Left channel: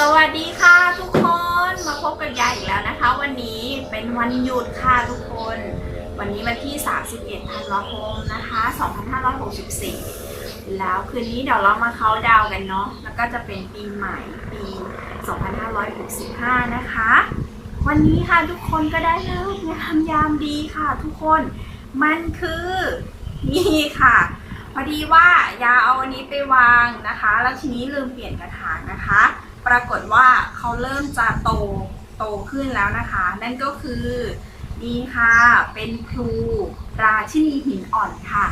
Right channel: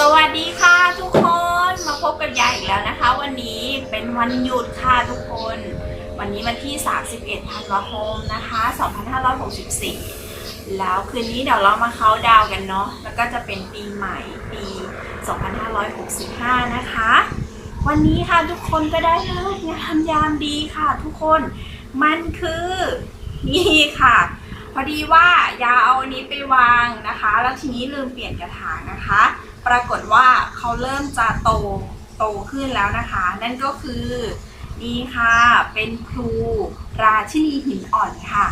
สวัสดีค่ะทุกคนมาพบกับยายอีกแล้วนะคะ วันนี้เป็นวันหยุดค่ะทุกคน วันนี้วันที่ 31ธันวาคมนะคะ 2564 แล้วคืนนี้เดี๋ยวเรามาเขาดาวกันเนาะแล้วก็จะเป็นปีใหม่ปี 2565 นะคะ วันนี้ค่ะทุกคนก็ได้เลิกงามยามดีค่ะทุกคนมันคือนี่ค่ะพอดีว่ายาเอาอันนี้ไปวางนะคะ แล้วทีนี้ลืมเปลี่ยนกระถางนะคะ ปรากฏว่าเขาเริ่มจะโตโตขึ้นแล้วนะคะ นั่นก็คือนี่ค่ะ เป็นพลูราชินีหินอ่อนค่ะ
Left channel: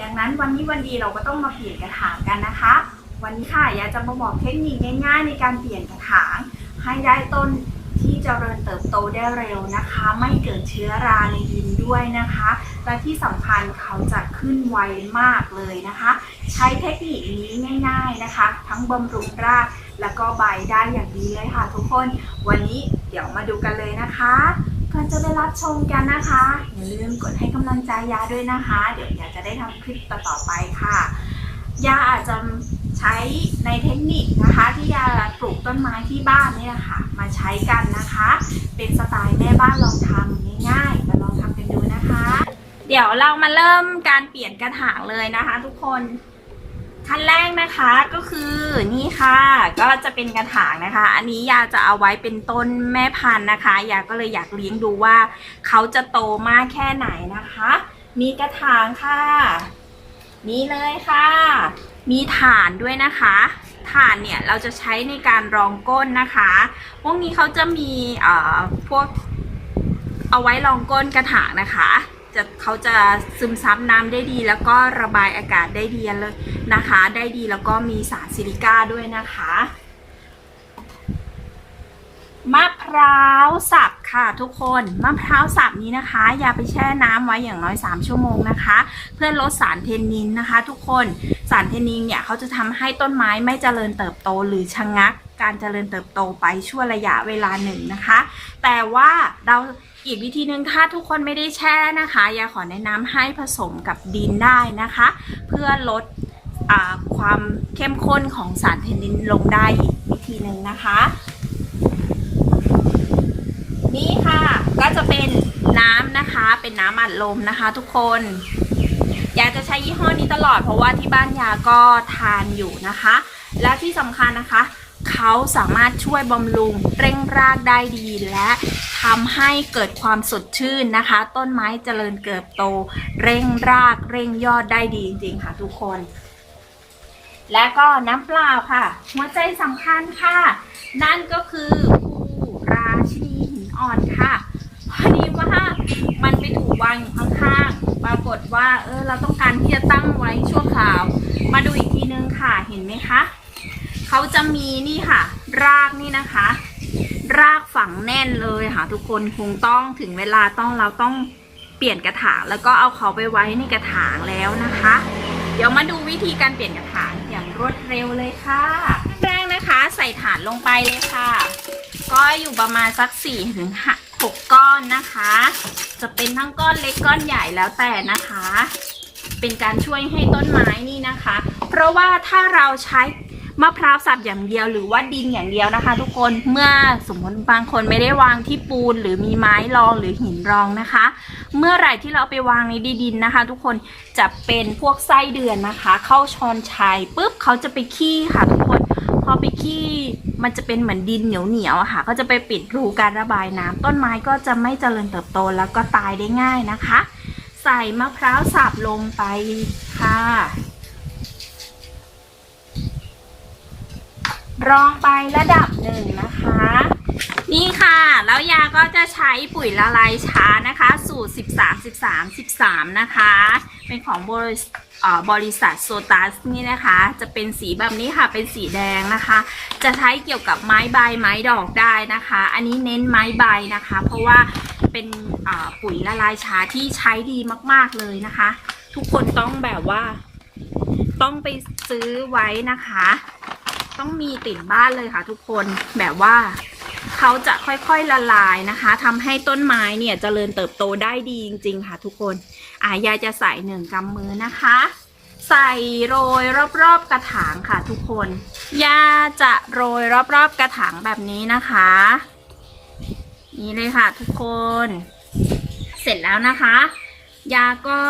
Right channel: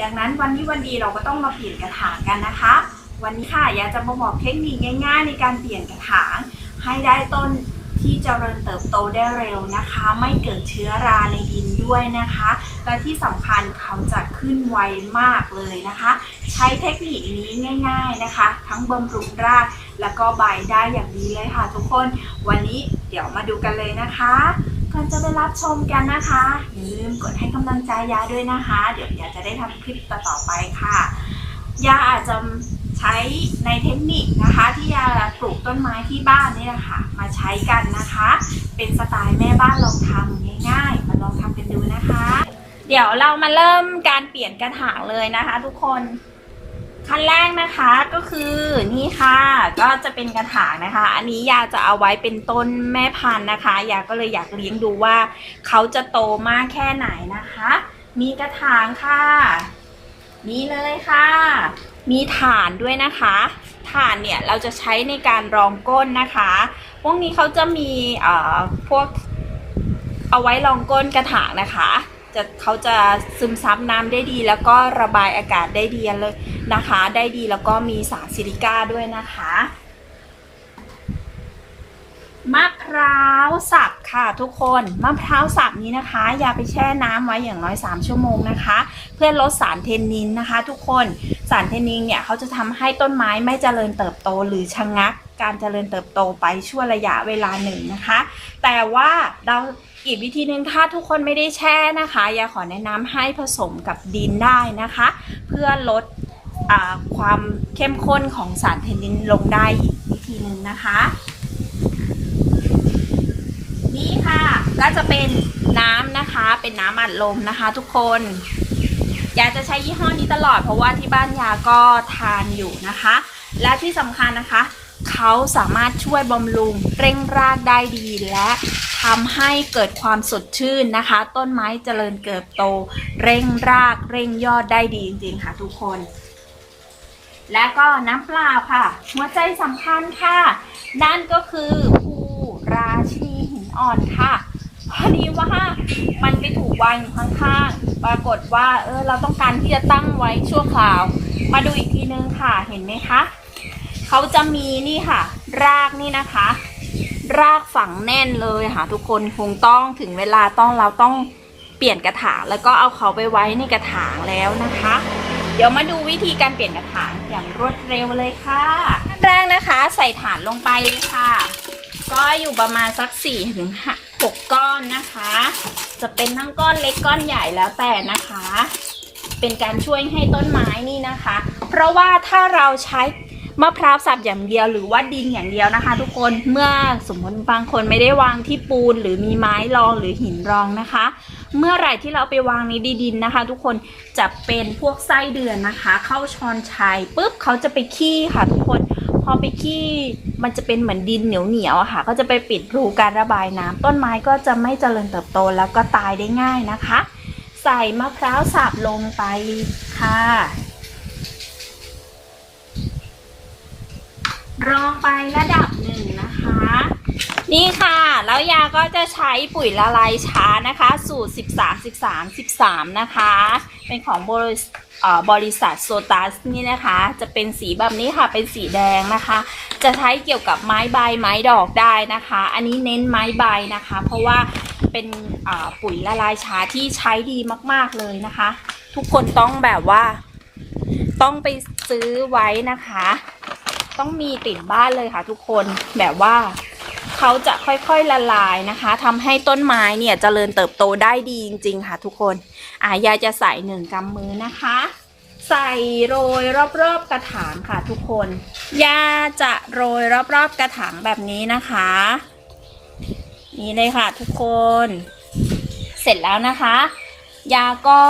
ดังนั้นวันนี้วันดีเราก็ต้องมาเปลี่ยนกระถางกันนะคะ วันนี้ค่ะอยากจะมาบอกเทคนิคง่าย ๆ ในการเปลี่ยนกระถางให้ได้ต้น ที่เจริญเติบโตได้เร็วนะคะ ไม่เกิดเชื้อราในดินด้วยนะคะ และที่สำคัญเขาจะขึ้นไวมากเลยนะคะ ใช้เทคนิคนี้ง่าย ๆนะคะ ทั้งบำรุงรากแล้วก็ใบได้อย่างดีเลยค่ะทุกคน วันนี้เดี๋ยวมาดูกันเลยนะคะก่อนจะไปรับชมกันนะคะ อย่าลืมกดให้กำลังใจยาด้วยนะคะ เดี๋ยวยาจะได้ทำคลิปต่อๆไปค่ะยาอาจจะใช้ในเทคนิคนะคะที่ยา ปลูกต้นไม้ที่บ้านนี่แหละค่ะ มาใช้กันนะคะ เป็นสไตล์แม่บ้านลองทำง่ายๆ มาลองทำกันดูนะคะ เดี๋ยวเรามาเริ่มการเปลี่ยนกระถางเลยนะคะ ทุกคนขั้นแรกนะคะก็คือนี่ค่ะ ก็จะเป็นกระถางนะคะ อันนี้ยาจะเอาไว้เป็นต้นแม่พันธุ์นะคะ ยาก็เลยอยากเลี้ยงดูว่าเขาจะโตมากแค่ไหนนะคะ มีกระถางค่ะ นี่เลยค่ะ มีฐานด้วยนะคะ ฐานเนี่ยเราจะใช้ในการรองก้นนะคะ พวกนี้เขาจะมีเอ่อพวกเอาไว้รองก้นกระถางนะคะจะเขาจะซึมซับน้ำได้ดีแล้วก็ระบายอากาศได้ดีเลยนะคะ ได้ดีแล้วก็มีสารซิลิก้าด้วยนะคะ มะพร้าวสับค่ะทุกคนมะพร้าวสับนี้นะคะ อย่าไปแช่น้ำไว้อย่างน้อย 3 ชั่วโมงนะคะ เพื่อลดสารเทนนินนะคะ ทุกคนสารเทนนินเนี่ยเขาจะทำให้ต้นไม้ไม่เจริญเติบโตหรือชะงักการเจริญเติบโตไปช่วงระยะเวลาหนึ่งนะคะ แต่ว่าเราอีกวิธีหนึ่งถ้าทุกคนไม่ได้แช่นะคะยาขอแนะนำให้ผสมกับดินได้นะคะ เพื่อลดอความเข้มข้นของสารเทนนินลงได้อีกวิธีหนึ่งนะคะ นี่ค่ะ ก็จะเป็นน้ำนะคะ เป็นน้ำอัดลมนะคะ ทุกคน ยาจะใช้ยี่ห้อนี้ตลอด เพราะว่าที่บ้านยาก็ทานอยู่นะคะ และที่สำคัญนะคะ เขาสามารถช่วยบำรุงเร่งรากได้ดีและทำให้เกิดความสดชื่นนะคะ ต้นไม้เจริญเติบโต เร่งรากเร่งยอดได้ดีจริงๆค่ะ ทุกคน และก็น้ำเปล่าค่ะ หัวใจสำคัญค่ะ นั่นก็คือภูราชินี อ่อนค่ะพอดีว่ามันไปถูกวางอยู่ข้างๆ ปรากฏว่าเออเราต้องการที่จะตั้งไว้ชั่วคราว มาดูอีกทีนึงค่ะเห็นไหมคะเขาจะมีนี่ค่ะ รากนี่นะคะ รากฝังแน่นเลยค่ะ ทุกคนคงต้องถึงเวลาต้องเราต้องเปลี่ยนกระถางแล้วก็เอาเขาไปไว้ในกระถางแล้วนะคะ เดี๋ยวมาดูวิธีการเปลี่ยนกระถางอย่างรวดเร็วเลยค่ะแรกนะคะ ใส่ฐานลงไปเลยค่ะ ก็อยู่ประมาณสัก4ถึง6ก้อนนะคะ จะเป็นทั้งก้อนเล็กก้อนใหญ่แล้วแต่นะคะ เป็นการช่วยให้ต้นไม้นี่นะคะ เพราะว่าถ้าเราใช้มะพร้าวสับอย่างเดียวหรือว่าดินอย่างเดียวนะคะ ทุกคนเมื่อสมมติบางคนไม่ได้วางที่ปูนหรือมีไม้รองหรือหินรองนะคะ เมื่อไหร่ที่เราเอาไปวางในดินนะคะ ทุกคนจะเป็นพวกไส้เดือนนะคะ เข้าชอนชัยปุ๊บเขาจะไปขี้ค่ะทุกคน พอไปขี้มันจะเป็นเหมือนดินเหนียวเหนียวๆค่ะ ก็จะไปปิดรูการระบายน้ำต้นไม้ก็จะไม่เจริญเติบโตแล้วก็ตายได้ง่ายนะคะ ใส่มะพร้าวสับลงไปค่ะรองไประดับหนึ่งนะคะ นี่ค่ะ แล้วยาก็จะใช้ปุ๋ยละลายช้านะคะ สูตร 13 13 13 นะคะ เป็นของบริบริษัทโซตัสนี่นะคะ จะเป็นสีแบบนี้ค่ะ เป็นสีแดงนะคะ จะใช้เกี่ยวกับไม้ใบไม้ดอกได้นะคะ อันนี้เน้นไม้ใบนะคะ เพราะว่าเป็นปุ๋ยละลายช้าที่ใช้ดีมากๆเลยนะคะ ทุกคนต้องแบบว่า ต้องไปซื้อไว้นะคะ ต้องมีติดบ้านเลยค่ะทุกคนแบบว่า เขาจะค่อยๆละลายนะคะทำให้ต้นไม้เนี่ยเจริญเติบโตได้ดีจริง ๆ ค่ะ ทุกคนอ่ายายจะใส่หนึ่งกำมือนะคะ ใส่โรยรอบๆกระถางค่ะ ทุกคนยาจะโรยรอบๆกระถางแบบนี้นะคะ นี่เลยค่ะ ทุกคน เสร็จแล้วนะคะ ยาก็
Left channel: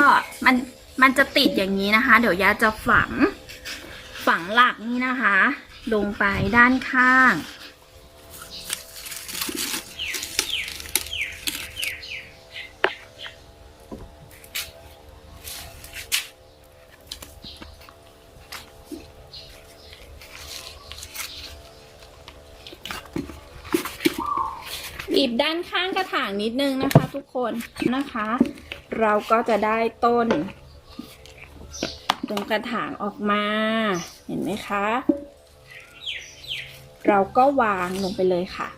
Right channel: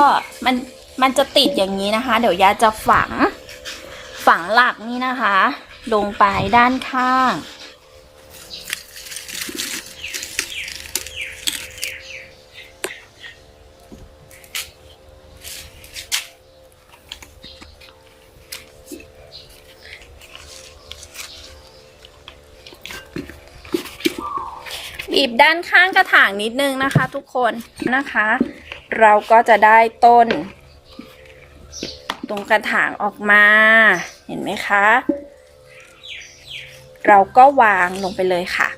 มันมันจะติดอย่างนี้นะคะ เดี๋ยวยาจะฝังฝังหลักนี่นะคะ ลงไปด้านข้าง บีบด้านข้างกระถางนิดนึงนะคะ ทุกคนนะคะ เราก็จะได้ต้น ตรงกระถางออกมา เห็นไหมคะ เราก็วางลงไปเลยค่ะ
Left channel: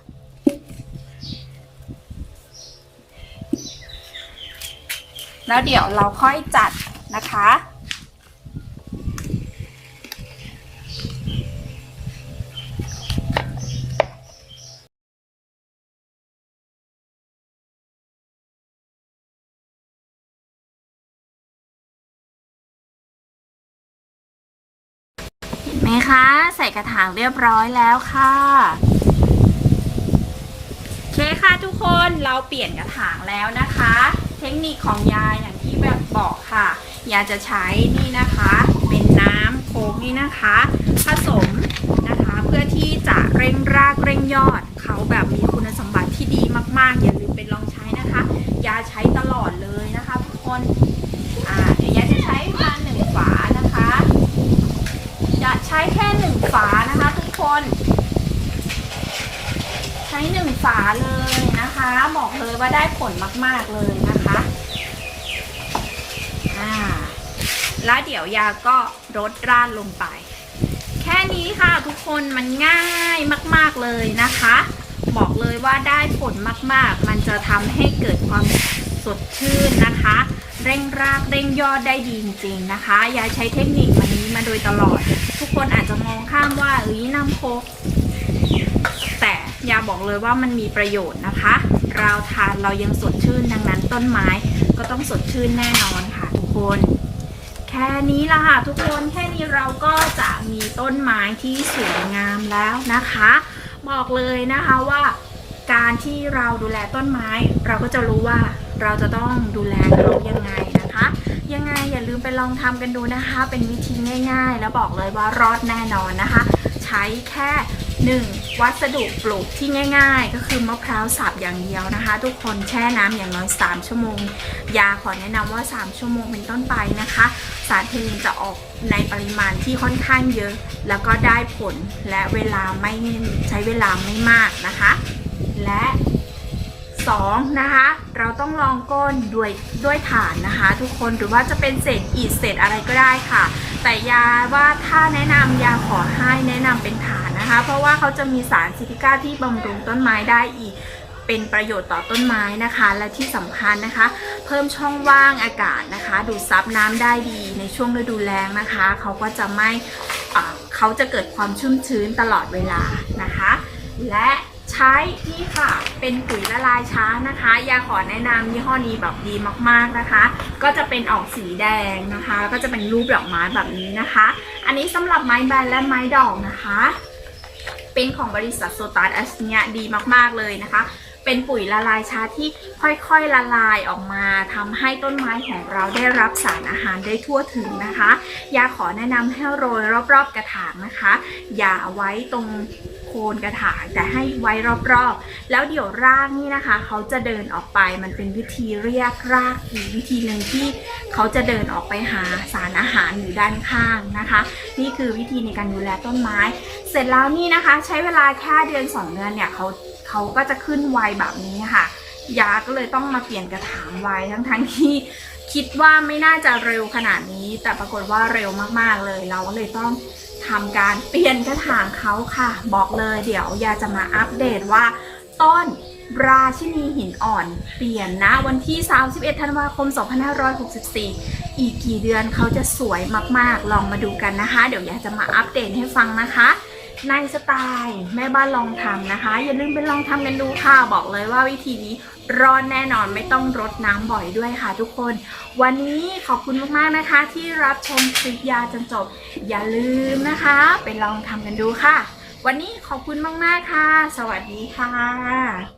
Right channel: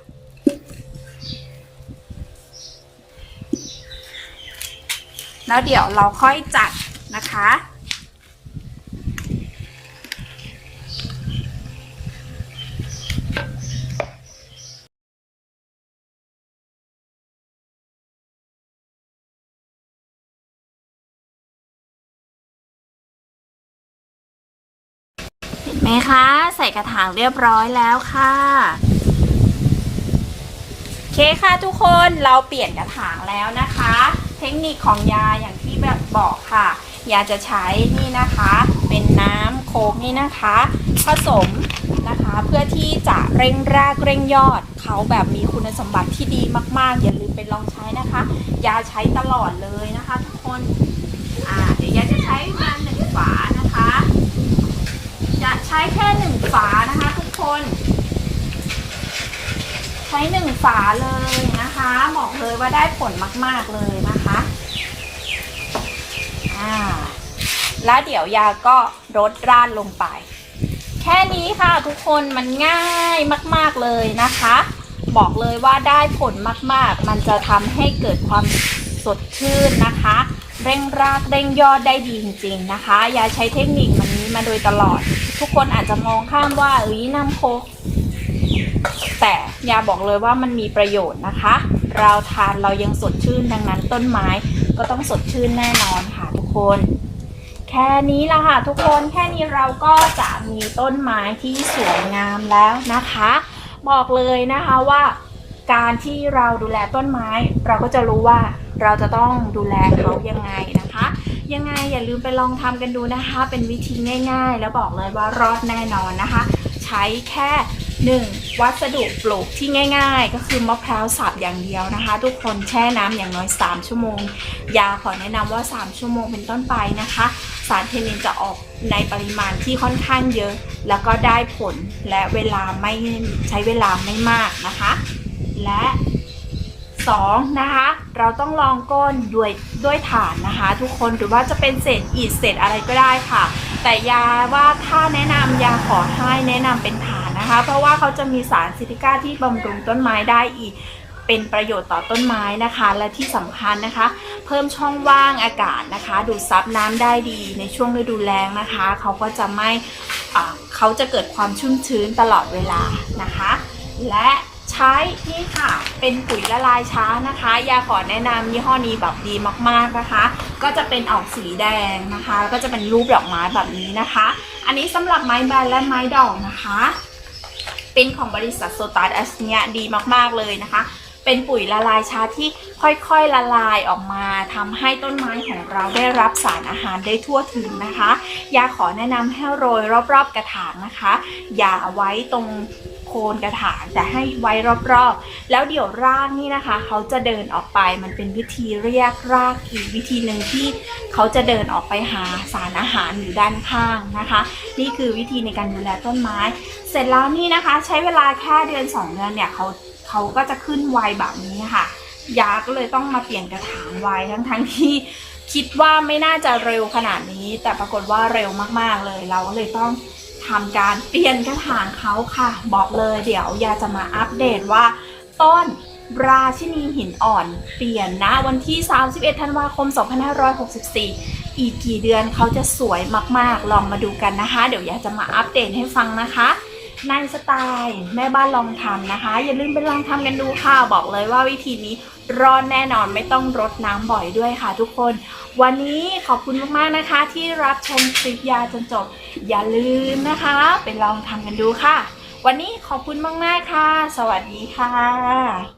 แล้วเดี๋ยวเราค่อยจัดนะคะ มคะ ใส่กระถางเรียบร้อยแล้วค่ะโอเคค่ะทุกคนเราเปลี่ยนกระถางแล้วนะคะ เทคนิคของยาอย่างที่แบบบอกค่ะ ยาจะใช้นี่นะคะ เป็นน้ำโค้กนี่นะคะ ผสมนะคะเพื่อที่จะเร่งรากเร่งยอด เขาแบบมีคุณสมบัติที่ดีมากๆ อย่าลืมไปลองใช้นะคะ ยาใช้ตลอดเลยนะคะ ทุกคนอ่าเดี๋ยวยาจะใช้มาหนึ่งฝานะคะ จะใช้แค่หนึ่งฝานะคะทุกคน ใช้หนึ่งฝาเลยนะคะ บอกเลยว่าได้ผลมาก ๆเลยนะคะอ่าแล้วเดี๋ยวยาก็รดราดลงไป แค่นี้ค่ะทุกคนมันง่ายมาก ๆเลยนะคะ บอกเลยว่าได้ผลมาก ๆ มันจะทำให้เกิดความสดชื่นนะคะ เร่งรากเร่งยอดได้ดีจริงๆนะคะ ยาใช้เทคนิคมัน นี้มาโดยตลอด ทุกคนอาจจะมองข้ามว่าเอ้ยน้ำโคกแต่ยาบอกเลยว่ามันมีประโยชน์นะคะ เราทานเรายังสดชื่นดังนั้นต้นไม้ก็ต้องสดชื่นแน่นอนค่ะทุกคน แค่นี้ละค่ะทุกคนแค่นี้เราก็จะมีต้นไม้ที่สวยงามแล้วนะคะ บอกเลยนะคะว่า การที่เราดูแลต้นไม้ เราก็จะรู้ว่าเราจะต้องดูแลเขายังไง ยังไงอย่าลืมไปลองทำกันดูนะคะ เป็นวิธีง่ายๆ แล้วบอกเลยว่ารอดแน่นอนนะคะ ใช้แค่ 1. วัสดุปลูกที่ง่าย ๆ ก็คือมะพร้าวสับอย่างเดียวนะคะ ทุกคนแช่น้ำอย่างน้อย 3 ชั่วโมง ยาขอแนะนำว่า 3 ชั่วโมงเป็นต้นไปนะคะ สารเคมีจะออกในปริมาณที่ค่อนข้างเยอะ แล้วก็ได้ผลและเวลาไม่ใช้เวลาไม่มากนะคะ และ 2. นะคะ เราต้องลองก้นด้วยด้วยฐานนะคะ ทุกคนหรือว่าจะเป็นเศษอิฐเศษอะไรก็ได้ค่ะ แต่ยาว่าถ้าแนะนำยาขอให้แนะนำเป็นฐานนะคะ เพราะว่าเขาจะมีสารซิติก้าที่บำรุงต้นไม้ได้อีก เป็นประโยชน์ต่อต้นไม้นะคะ และที่สำคัญนะคะ เพิ่มช่องว่างอากาศนะคะ ดูดซับน้ำได้ดีในช่วงฤดูแล้งนะคะ เขาก็จะไม่เขาจะเกิดความชุ่มชื้นตลอดเวลานะคะ และ ช้นี่ค่ะ เป็นปุ๋ยละลายช้านะคะ ยาขอแนะนำยี่ห้อนี้แบบดีมากๆนะคะ ก็จะเป็นออกสีแดงนะคะ แล้วก็จะเป็นรูปดอกไม้แบบนี้นะคะ อันนี้สำหรับไม้ใบและไม้ดอกนะคะ เป็นของบริษัทโซตัสแอสเนียดีมากๆเลยนะคะ เป็นปุ๋ยละลายช้าที่ค่อยๆละลายออกมาทำให้ต้นไม้ของเราได้รับสารอาหารได้ทั่วถึงนะคะยาขอแนะนำให้โรยรอบๆกระถางนะคะ อย่าไว้ตรงโคนกระถางแต่ให้ไว้รอบๆ แล้วเดี๋ยวรากนี่นะคะ เขาจะเดินออกไปมันเป็นวิธีเรียกรากอีกวิธีหนึ่งที่เขาจะเดินออกไปหาสารอาหารอยู่ด้านข้างนะคะ นี่คือวิธีในการดูแลต้นไม้ เสร็จแล้วนี่นะคะ ใช้เวลาแค่เดือน 2 เดือนเนี่ยเขา เขาก็จะขึ้นไวแบบนี้ค่ะ ยาก็เลยต้องมาเปลี่ยนกระถางไวทั้งทั้งๆที่คิดว่าไม่น่าจะเร็วขนาดนี้ แต่ปรากฏว่าเร็วมากๆเลย เราก็เลยต้องทำการเปลี่ยนกระถางเขาค่ะ บอกเลยเดี๋ยวยาจะมาอัปเดตว่า ต้นราชินีหินอ่อน เปลี่ยนนะวันที่ 31 ธันวาคม 2564 อีกกี่เดือนเขาจะสวยมากๆ ลองมาดูกันนะคะ เดี๋ยวยาจะมาอัปเดตให้ฟังนะคะ ในสไตล์แม่บ้านลองทำนะคะ อย่าลืมไปลองทำกันดูค่ะ บอกเลยว่าวิธีนี้รอดแน่นอนไม่ต้องรดน้ำบ่อยด้วยค่ะทุกคน วันนี้ขอบคุณมากๆนะคะ ที่รับชมคลิปยาจนจบ อย่าลืมนะคะ ไปลองทำกันดูค่ะ วันนี้ขอบคุณมากๆค่ะ สวัสดีค่ะ